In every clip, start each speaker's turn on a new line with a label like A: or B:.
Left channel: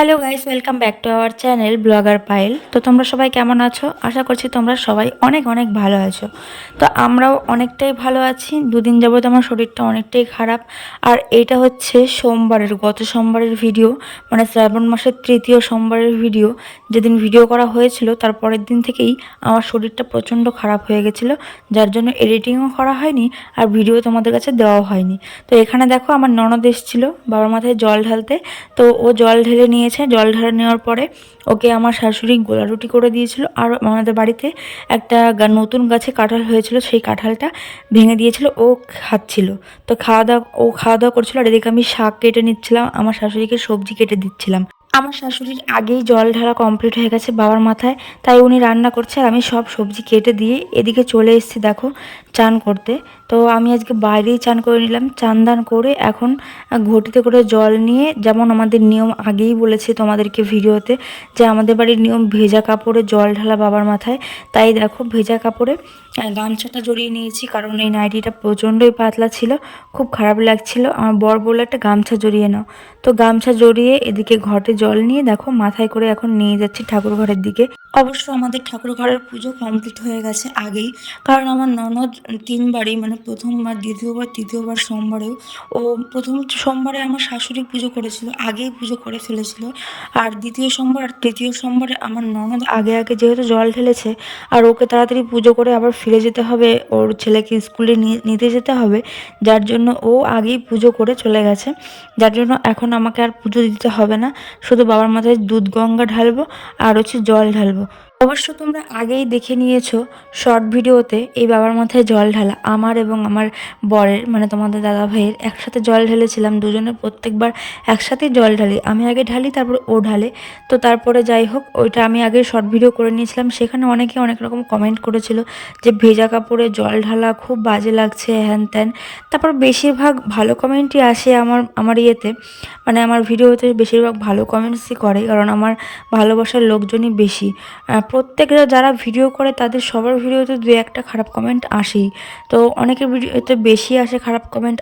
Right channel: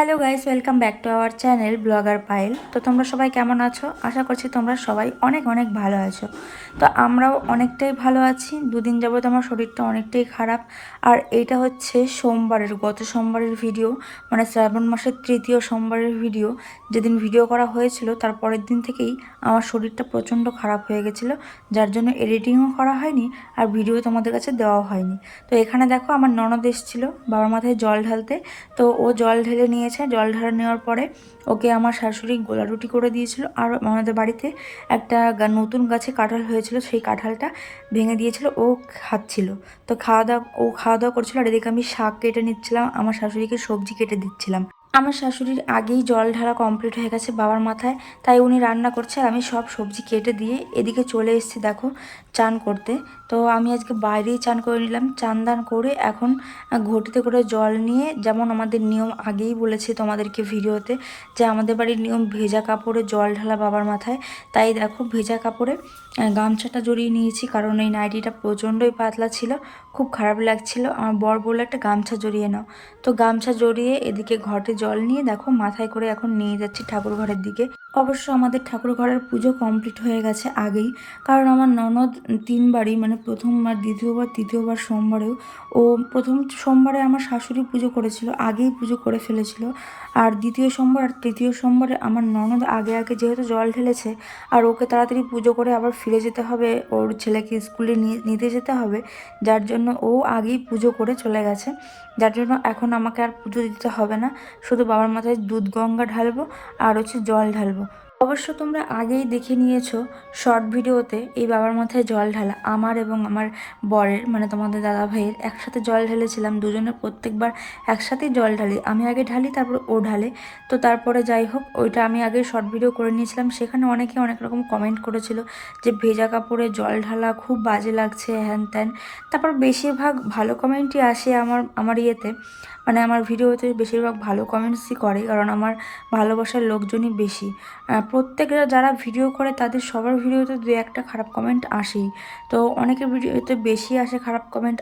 A: Hello guys, welcome back to our channel blogger Payel. তো তোমরা সবাই কেমন আছো? আশা করছি তোমরা সবাই অনেক অনেক ভালো আছো। তো আমরাও অনেকটাই ভালো আছি। দুদিন যাবত আমার শরীরটা অনেকটাই খারাপ। আর এটা হচ্ছে সোমবারের, গত সোমবারের ভিডিও মানে শ্রাবণ মাসের তৃতীয় সোমবারের ভিডিও। যেদিন ভিডিও করা হয়েছিল, তার পরের দিন থেকেই আমার শরীরটা প্রচণ্ড খারাপ হয়ে গেছিল। যার জন্য এডিটিংও করা হয়নি আর ভিডিও তোমাদের কাছে দেওয়াও হয়নি। তো এখানে দেখো, আমার ননদ এসেছিল বাবার মাথায় জল ঢালতে। তো ও জল ঢেলে নিয়েছে জল ঢেলে নেওয়ার পরে ওকে আমার শাশুড়ি গোলা রুটি করে দিয়েছিল আর আমাদের বাড়িতে একটা নতুন গাছে কাঁঠাল হয়েছিল, সেই কাঁঠালটা ভেঙে দিয়েছিল, ও খাচ্ছিল। তো খাওয়া দাওয়া, ও খাওয়া দাওয়া করছিল আর এদিকে আমি শাক কেটে নিচ্ছিলাম, আমার শাশুড়িকে সবজি কেটে দিচ্ছিলাম। আমার শাশুড়ির আগেই জল ঢালা কমপ্লিট হয়ে গেছে বাবার মাথায়, তাই উনি রান্না করছে আর আমি সব সবজি কেটে দিয়ে এদিকে চলে এসেছি, দেখো। চান করতে। তো আমি আজকে বাইরেই চান করে নিলাম। চান দান করে এখন ঘটিতে করে জল নিয়ে, যেমন আমাদের নিয়ম আগেই বলেছি তোমাদেরকে ভিডিওতে, যে আমাদের বাড়ির নিয়ম ভেজা কাপড়ে জল ঢালা বাবার মাথায়। তাই দেখো ভেজা কাপড়ে গামছাটা জড়িয়ে নিয়েছি, কারণ এই নাইটিটা প্রচণ্ডই পাতলা ছিল, খুব খারাপ লাগছিল। আমার বর বলে একটা গামছা জড়িয়ে নাও। তো গামছা জড়িয়ে এদিকে ঘটে জল নিয়ে দেখো মাথায় করে এখন নিয়ে যাচ্ছি ঠাকুর ঘরের দিকে। অবশ্য আমাদের ঠাকুর ঘরের পুজো কমপ্লিট হয়ে গেছে আগেই, কারণ আমার ননদ তিনবারই মানে প্রথমবার, দ্বিতীয়বার, তৃতীয়বার, সোমবারেও। ও প্রথম সোমবারে আমার শাশুড়ি পুজো করেছিল, আগেই পুজো করে ফেলেছিল। আর দ্বিতীয় সোমবার তৃতীয় সোমবারে আমার ননদ আগে আগে যেহেতু জল ঢেলেছে, আর ওকে তাড়াতাড়ি পুজো করে আবার ফিরে যেতে হবে, ওর ছেলেকে স্কুলে নিতে যেতে হবে, যার জন্য ও আগেই পুজো করে চলে গেছে। যার জন্য এখন আমাকে আর পুজো দিতে হবে না, শুধু বাবার মাথায় দুধ গঙ্গা ঢালবো, আর হচ্ছে জল ঢালবো। অবশ্য তোমরা আগেই দেখে নিয়েছো শর্ট ভিডিওতে এই বাবার মাথায় জল ঢালা, আমার এবং আমার বরের মানে তোমাদের দাদা ভাইয়ের একসাথে জল ঢেলেছিলাম দুজনের প্রত্যেকবার একসাথেই জল ঢালি। আমি আগে ঢালি, তারপর ও ঢালে। তো তারপরে যাই হোক, ওইটা আমি আগে শর্ট ভিডিও করে নিয়েছিলাম। সেখানে অনেকে অনেক রকম কমেন্ট করেছিল যে ভেজা কাপড়ে জল ঢালা খুব বাজে লাগছে, হ্যান ত্যান। তারপর বেশিরভাগ ভালো কমেন্টই আসে আমার আমার ইয়েতে। মানে আমার ভিডিওতে বেশিরভাগ ভালো কমেন্টসই করে, কারণ আমার ভালোবাসার লোকজনই বেশি। আহ, প্রত্যেকটা যারা ভিডিও করে তাদের সবার ভিডিওতে দু একটা খারাপ কমেন্ট আসেই। তো অনেকের ভিডিওতে বেশি আসে খারাপ কমেন্ট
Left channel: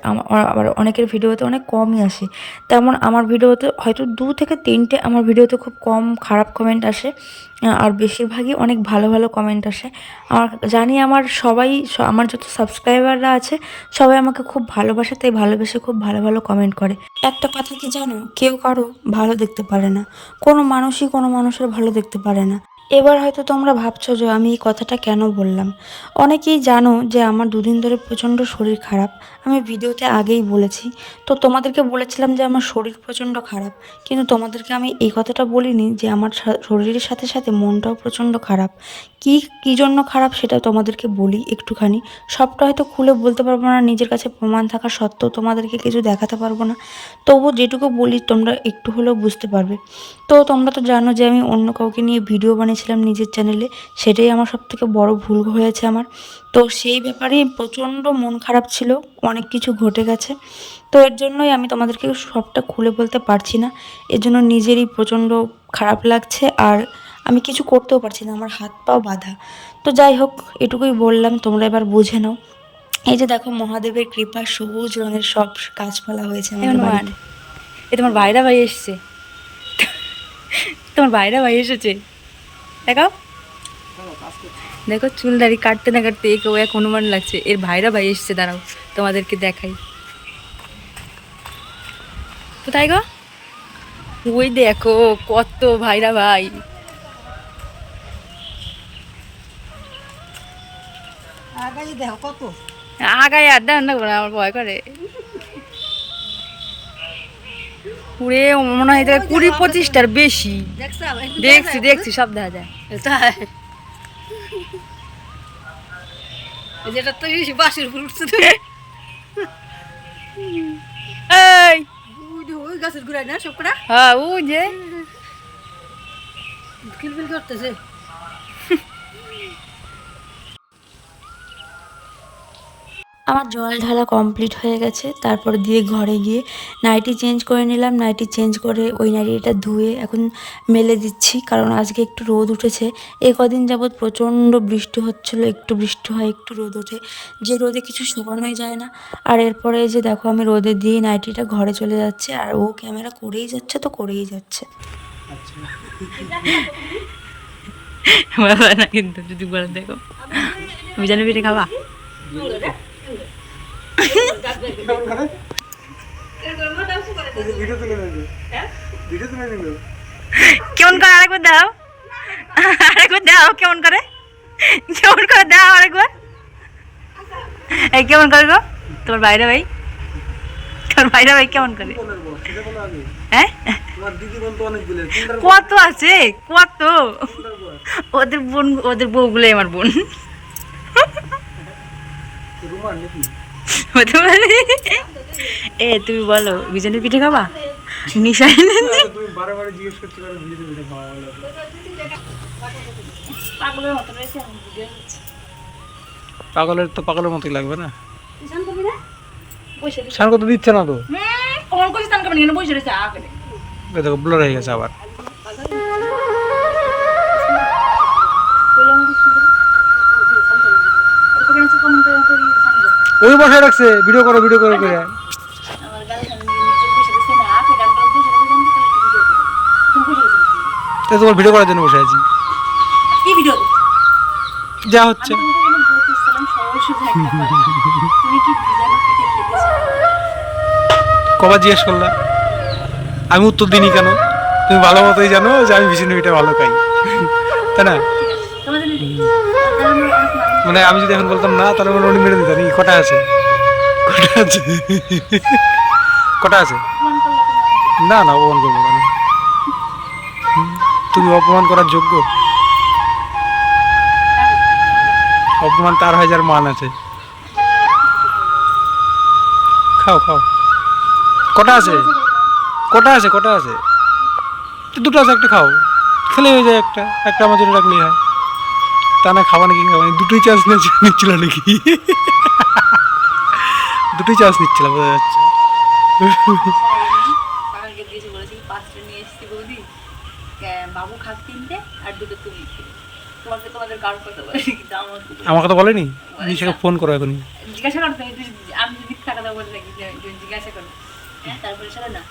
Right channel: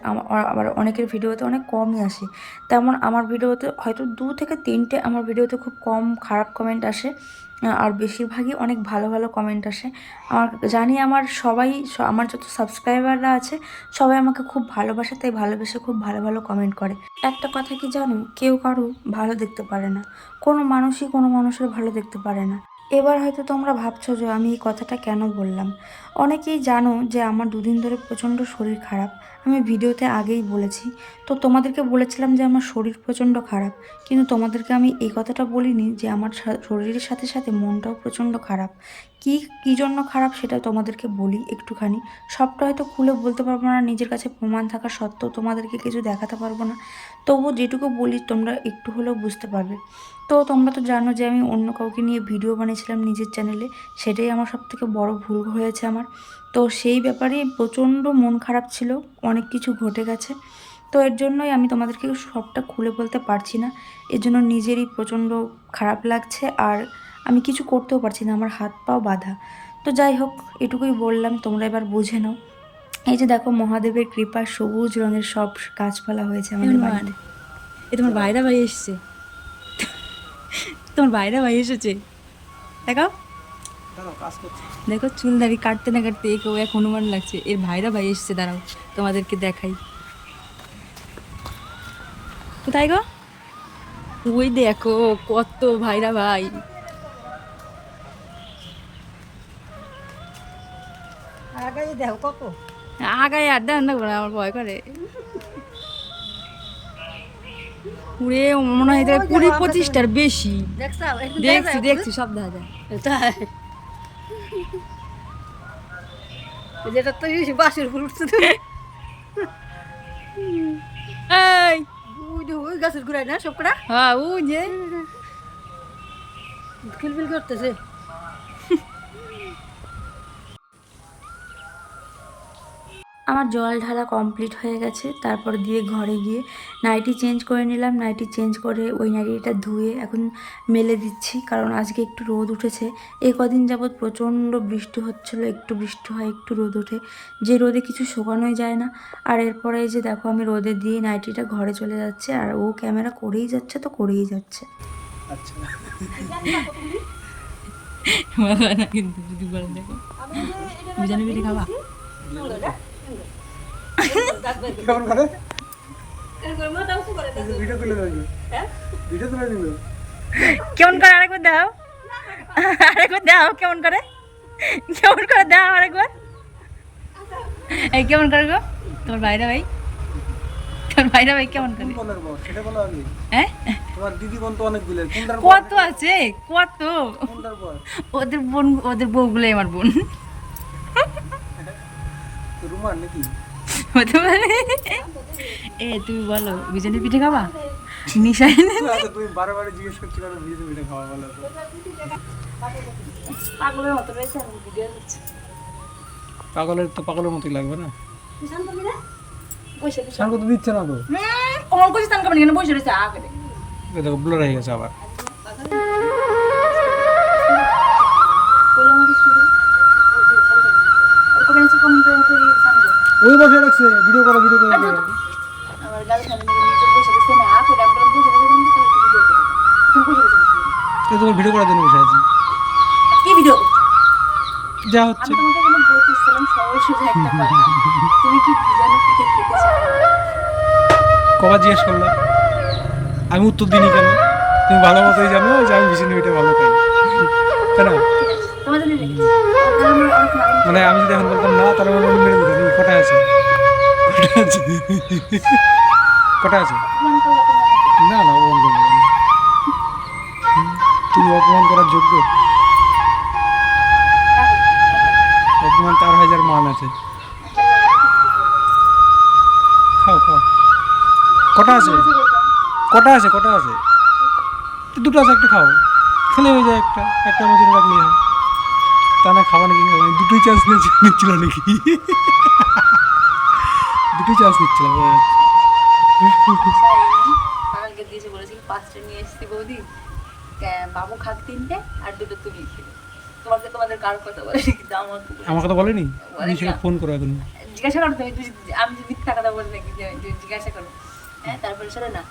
A: আবার অনেকের ভিডিওতে অনেক কমই আসে। তেমন আমার ভিডিওতে হয়তো দু থেকে তিনটে আমার ভিডিওতে খুব কম খারাপ কমেন্ট আসে আর বেশিরভাগই অনেক ভালো ভালো কমেন্ট আসে। আমার জানি আমার সবাই আমার যত সাবস্ক্রাইবাররা আছে সবাই আমাকে খুব ভালোবাসে তাই ভালোবেসে খুব ভালো ভালো কমেন্ট করে। একটা কথা কি জানো? কেউ কারও ভালো দেখতে পারে না। কোনো মানুষই কোনো মানুষের ভালো দেখতে পারে না। এবার হয়তো তোমরা ভাবছ যে আমি এই কথাটা কেন বললাম? অনেকেই জানো যে আমার দুদিন ধরে প্রচণ্ড শরীর খারাপ। আমি ভিডিওতে আগেই বলেছি। তো তোমাদেরকে বলেছিলাম যে আমার শরীর প্রচণ্ড খারাপ। কিন্তু তোমাদেরকে আমি এই কথাটা বলিনি যে আমার শরীরের সাথে সাথে মনটাও প্রচণ্ড খারাপ। কি, কী জন্য খারাপ সেটা তোমাদেরকে বলি একটুখানি। সবটা হয়তো খুলে বলতে পারব না, নিজের কাছে প্রমাণ থাকা সত্ত্বেও তোমাদেরকে কিছু দেখাতে পারব না। তবু যেটুকু বলি তোমরা একটু হলেও বুঝতে পারবে। তো তোমরা তো জানো যে আমি অন্য কাউকে নিয়ে ভিডিও বানিয়েছিলাম নিজের চ্যানেলে, সেটাই আমার সব থেকে বড় ভুল হয়েছে আমার। তো সেই ব্যাপারে প্রচণ্ড মন খারাপ ছিল, অনেক কিছু ঘটে গেছে। তো এর জন্যই আমি তোমাদেরকে সবটা খুলে বলতে পারছি না। এর জন্য নিজেরই প্রচণ্ড খারাপ লাগছে আর আমি কিছু করতেও পারছি না আমার হাত পাও বাঁধা। তো যাই হোক এটুকুই বললাম তোমরা এবার বুঝে নাও। এই যে দেখো মহাদেবের কৃপা সবুজ রঙের সব গাছপালা হয়েছে বাড়িতে।
B: এ তোমার ভাইরা ভাই এসছে। তোমার ভাইরা ভাই এসেছে। দেখাও। দেখো চুল দাড়ি কাটতে না কাটতে একেও এক হনুমান লাগছে। এর ভাইরা ভাই এসছে দাঁড়াও তোমাদেরকে দেখাই। কোথায় গো? ওই দেখো কত ভাইরা ভাই। আগায় আর দেন না আমার ভয় করে। পুরে মনে হয় কুড়ি পঁচিশটার বেশি।
C: দেখছ?
B: দেখছি সব দেখা যায়।
C: তাই। যেটা তো বাসের উপর উঠছে
B: এই।
C: ওই গাছের ঘুরাই না সব কটা
B: হ্যাঁ ও যে।
C: করতেছে।
A: আমার জল ঢালা কমপ্লিট হয়ে গেছে। তারপর দিয়ে ঘরে গিয়ে নাইটি চেঞ্জ করে নিলাম। নাইটি চেঞ্জ করে ওই নাইটিটা ধুয়ে এখন মেলে দিচ্ছি। কারণ আজকে একটু রোদ উঠেছে। এ কদিন যাবৎ প্রচণ্ড বৃষ্টি হচ্ছিল। একটু বৃষ্টি হয়, একটু রোদ ওঠে। যে রোদে কিছু শোকানোই যায় না। আর এরপরে যে দেখো, আমি রোদে দিয়ে নাইটিটা ঘরে চলে যাচ্ছে। আর ও ক্যামেরা করেই যাচ্ছে তো করেই যাচ্ছে।
B: কিন্তু যদি বলে দেখো। বিজানি পিঠে খাবা।
D: কেমন করে ভিডিও তুলে নিল ভিডিও তুলে নিল
B: কেমন করে আরেকবার দাও? আরেকবার দাও কেমন করে? কেমন করে দাও আরেকবার? এই কেমন করে গো? তোমার বাইরে ভাই? তোমার বাইরে ভাই কেমন করে? হ্যাঁ? কত আছে? কত? ওদের বোন ওদের বউগুলোই আমার বোন।
D: রুমান নাকি?
B: হতে পারে এ তুমি বলো বিজানি পিঠে খাবা?
D: করছ কেন খাওয়া বলো পাগলের তো পাগলের মতোই লাগবে না। শান কত দিচ্ছে না তো?
B: কমন করছিস তাম কেমন বসে রয়েছে আগে
D: দেখো ব্লার হয়ে গেছে আবার। ওই বসে রাখছে ভিডিও করো ভিডিও করে করে। তোমার ভিডিও করার জন্য বসে আছি।
B: কি ভিডিও
D: যা হচ্ছে। কবার জিজ্ঞেস করলাম আমি উত্তর দিইনি কেন? তুমি ভালো মতোই জানো যে আমি ভীষণ মিঠে ভালো খাই তাই না? মানে আমি যদি এখন বলতাম না, তাহলে উনি মেরে দিতেন কটা আছে কটা আছে? কটা আছে? না না অপমান করব না। তুমি অপমান করার যোগ্য। অপমান তার হাজার মান আছে। খাও খাও। কটা আছে? কটা আছে কটা আছে? দুটো আছে, একটা খাও। খেলে হয়ে যায় একটা। একটা আমার জন্য রাখলেই হয়। তা না খাওয়া নাকি? খাওয়া দুটোই চান্স নিচ্ছিল নাকি? দুটোই চান্স নিচ্ছিল বোঝা যাচ্ছে।
B: বলেছি পাঁচটা নিয়ে এসেছি বৌদি। কে- বাবু খাক তিনটে আর দুটো তুমি তোমাদের কথা কিন্তু আমার
D: কথা বলেনি? ফোন করো এখনই।
B: জিজ্ঞাসা হবে তুই- আমি যদি মিথ্যা কথা বললে জিজ্ঞাসা করো। হ্যাঁ তারপরে শোনে না।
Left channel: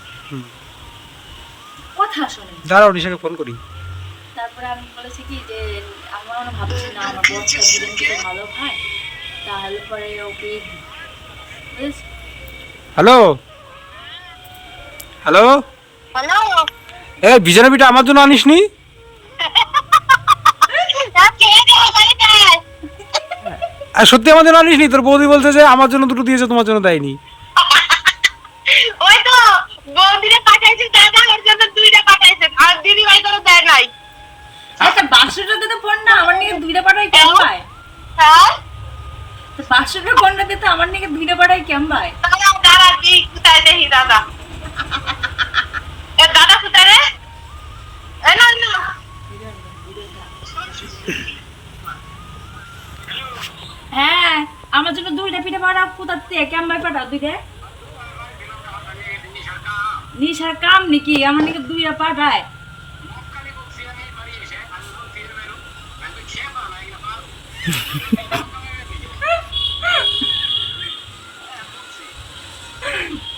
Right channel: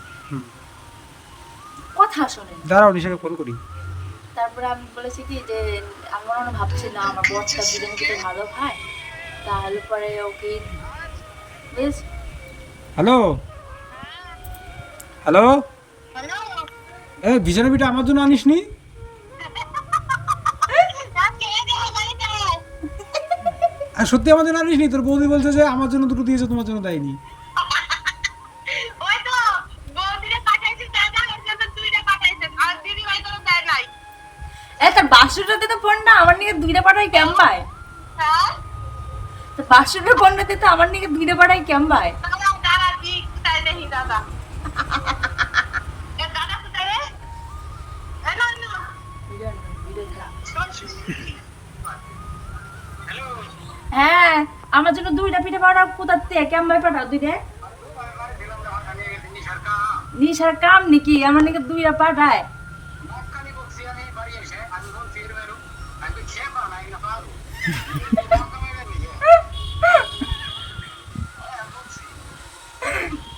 B: কথা শোনে।
D: দাঁড়াও নিশাকে ফোন করি।
B: তারপরে আমি বলেছি কি যে আমি মনে ভাবছি না আমার বরটা বিরিয়ানি খেতে ভালো খায় তাহলে পরে ওকে
D: হ্যালো? হ্যালো? এ পিঠা আমার জন্য আনিস নি আর সত্যি আমার জন্য আনিস নি তোর বৌদি বলছে যে আমার জন্য দুটো দিয়েছে তোমার জন্য দেয়নি।
E: তো
B: বাসুটার ফোনটাতে তো আমার নিকে দুইটা পাঠাই কেমন পায়
E: দাদা দাদা কি কোথায় দেখি দাদা? দাদা কোথায় রে? এ না না
B: হ্যাঁ আমার জন্য দুইটা পিঠা পাঠাও কোথার থেকে? কেমন ভাই পাঠাও দুইটা? নিশার কাম নাকি? আমার নাকি দুইটা পাঠায়।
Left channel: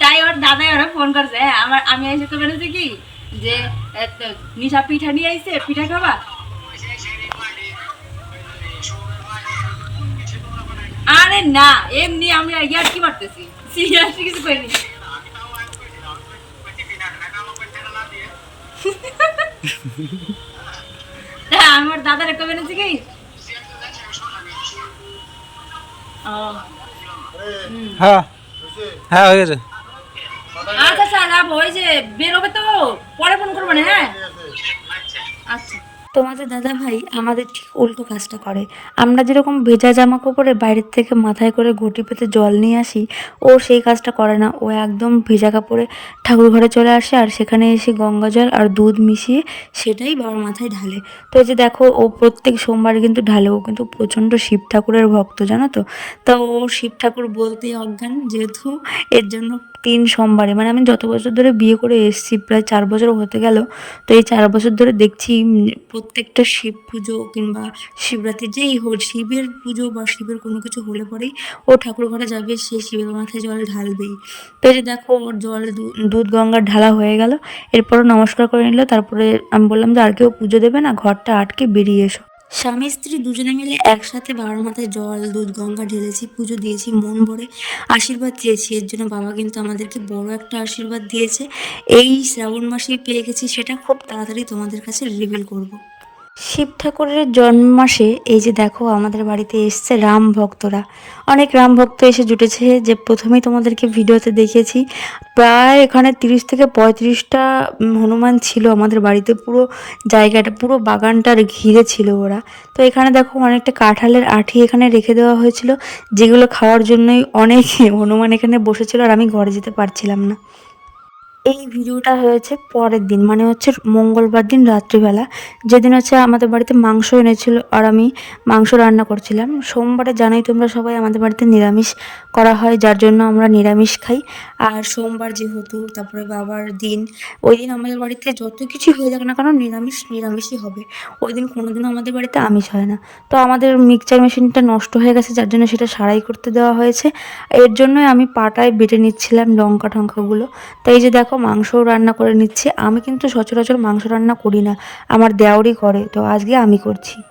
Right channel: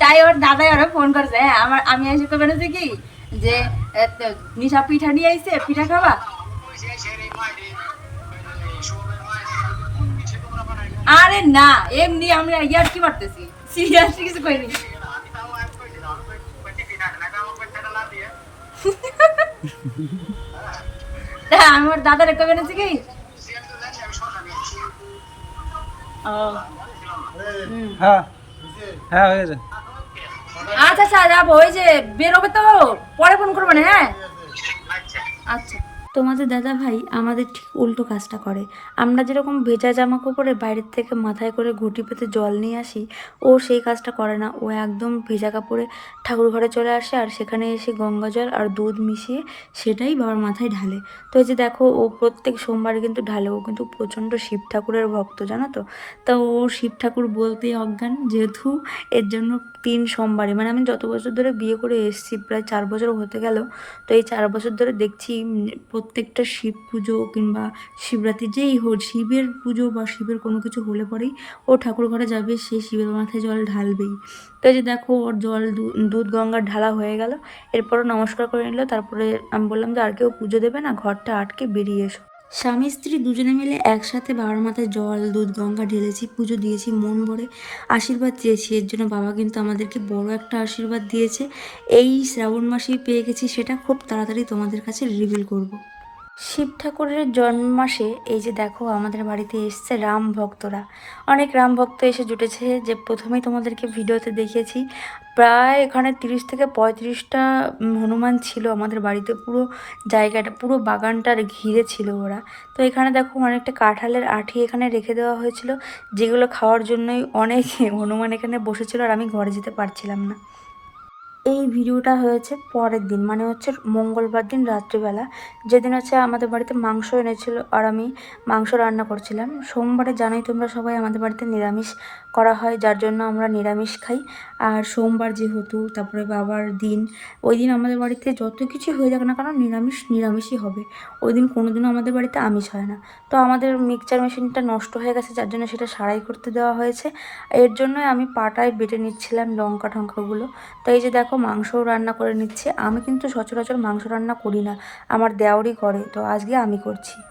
B: তাই ওর দাদাই ওরা ফোন করছে। আমার আমি এসে তো কি? যে নিশা পিঠা নিয়ে আইছে পিঠা খাবা? আরে না এমনি আমি ইয়ার কি মারতেছি? সিরিয়াসলি কিছু করিনি আমার দাদার কবে এনেছি কি?
D: হ্যাঁ। হ্যাঁ হয়ে গেছে।
B: আচ্ছা আচ্ছা যাব ওই যে বেরোবে তো পরে ফোন করব না হ্যাঁ? আচ্ছা।
A: তোমাদের দাদা ভাই আমাদের ঠিক উল্টো কাজটা করে। আমরা যেরকম ভেজা জামা কাপড়ে বাইরের থেকে মাথায় করে ঘটি পেতে জল নিয়ে আসি, ও সেই কাজটা করে না। ও একদম ভেজা কাপড়ে ঠাকুর ঘরে চলে আসে আর সেখানে এসে গঙ্গা জল আর দুধ মিশিয়ে সেটাই বাবার মাথায় ঢালে। তো এই যে দেখো, ও প্রত্যেক সোমবার কিন্তু ঢালে। ও কিন্তু প্রচণ্ড শিব ঠাকুরের ভক্ত, জানো তো? তা ও শিব ঠাকুর বলতেই অজ্ঞান, যেহেতু এর জন্য তিন সোমবারে। মানে আমি যত বছর ধরে বিয়ে করে এসেছি, প্রায় চার বছর হতে গেল, তো এই চার বছর ধরে দেখছি প্রত্যেকটা শিব পুজো কিংবা শিবরাত্রি যেই হোক, শিবের পুজো বা শিবের কোনো কিছু হলে পরেই ও ঠাকুর ঘরে যাবে, সে শিবের মাথায় জল ঢালবেই। তাই যে দেখো, ওর জল দুধ গঙ্গার ঢালা হয়ে গেল। এরপরও নমস্কার করে নিল, তারপরে আমি বললাম যে আর কেউ পুজো দেবে না, ঘরটা আটকে বেরিয়ে এসো। স্বামী স্ত্রী দুজনে মিলে একসাথে বাবার মাথায় জল, দুধ, গঙ্গা, ঢেলেছি, পুজো দিয়েছি, মন ভরে আশীর্বাদ চেয়েছি এর জন্য বাবা কিন্তু আমাদেরকে বড় একটা আশীর্বাদ দিয়েছে এই শ্রাবণ মাসেই পেয়ে গেছি, সেটা খুব তাড়াতাড়ি তোমাদের কাছে রিভিল করব। শিব ঠাকুরের জন্ম মাসে এই যে দেখো আমাদের বাড়িতে এসছে রাম ভক্তরা। অনেক রাম ভক্ত এসে জুটেছে যে প্রথমেই তোমাদেরকে ভিডিওতে দেখেছি। প্রায় এখানে তিরিশ থেকে পঁয়ত্রিশটা হনুমান ছিল আমাদের বাড়িতে, পুরো জায়গাটা, পুরো বাগানটার ঘিরে ছিল ওরা। তো এখানে দেখো অনেকটা কাঁঠালের আঠি এখানে রেখে দেওয়া হয়েছিল, যেগুলো খাওয়ার জন্যই অনেক হনুমান এখানে বসেছিল আর আমি ঘরে যেতে পারছিলাম না। এই ভিডিওটা হয়েছে পরের দিন মানে হচ্ছে মঙ্গলবার দিন রাত্রিবেলা। যেদিন হচ্ছে আমাদের বাড়িতে মাংস এনেছিল আর আমি মাংস রান্না করছিলাম। সোমবারে জানাই তোমরা সবাই আমাদের বাড়িতে নিরামিষ করা হয়, যার জন্য আমরা নিরামিষ খাই। আর সোমবার যেহেতু, তারপরে বাবার দিন, ওই দিন আমাদের বাড়িতে যত কিছুই হয়ে যাক না কেন, নিরামিষ, নিরামিষই হবে। ওই দিন কোনোদিনও আমাদের বাড়িতে আমিষ হয় না। তো আমাদের মিক্সচার মেশিনটা নষ্ট হয়ে গেছে, যার জন্য সেটা সারাই করতে দেওয়া হয়েছে। এর জন্যই আমি পাটায় বেটে নিচ্ছিলাম লঙ্কা টঙ্কাগুলো। তাই যে দেখো, মাংসও রান্না করে নিচ্ছি। আমি কিন্তু সচরাচর মাংস রান্না করি না। আমার দেওয়ারই করে, তো আজকে আমি করছি।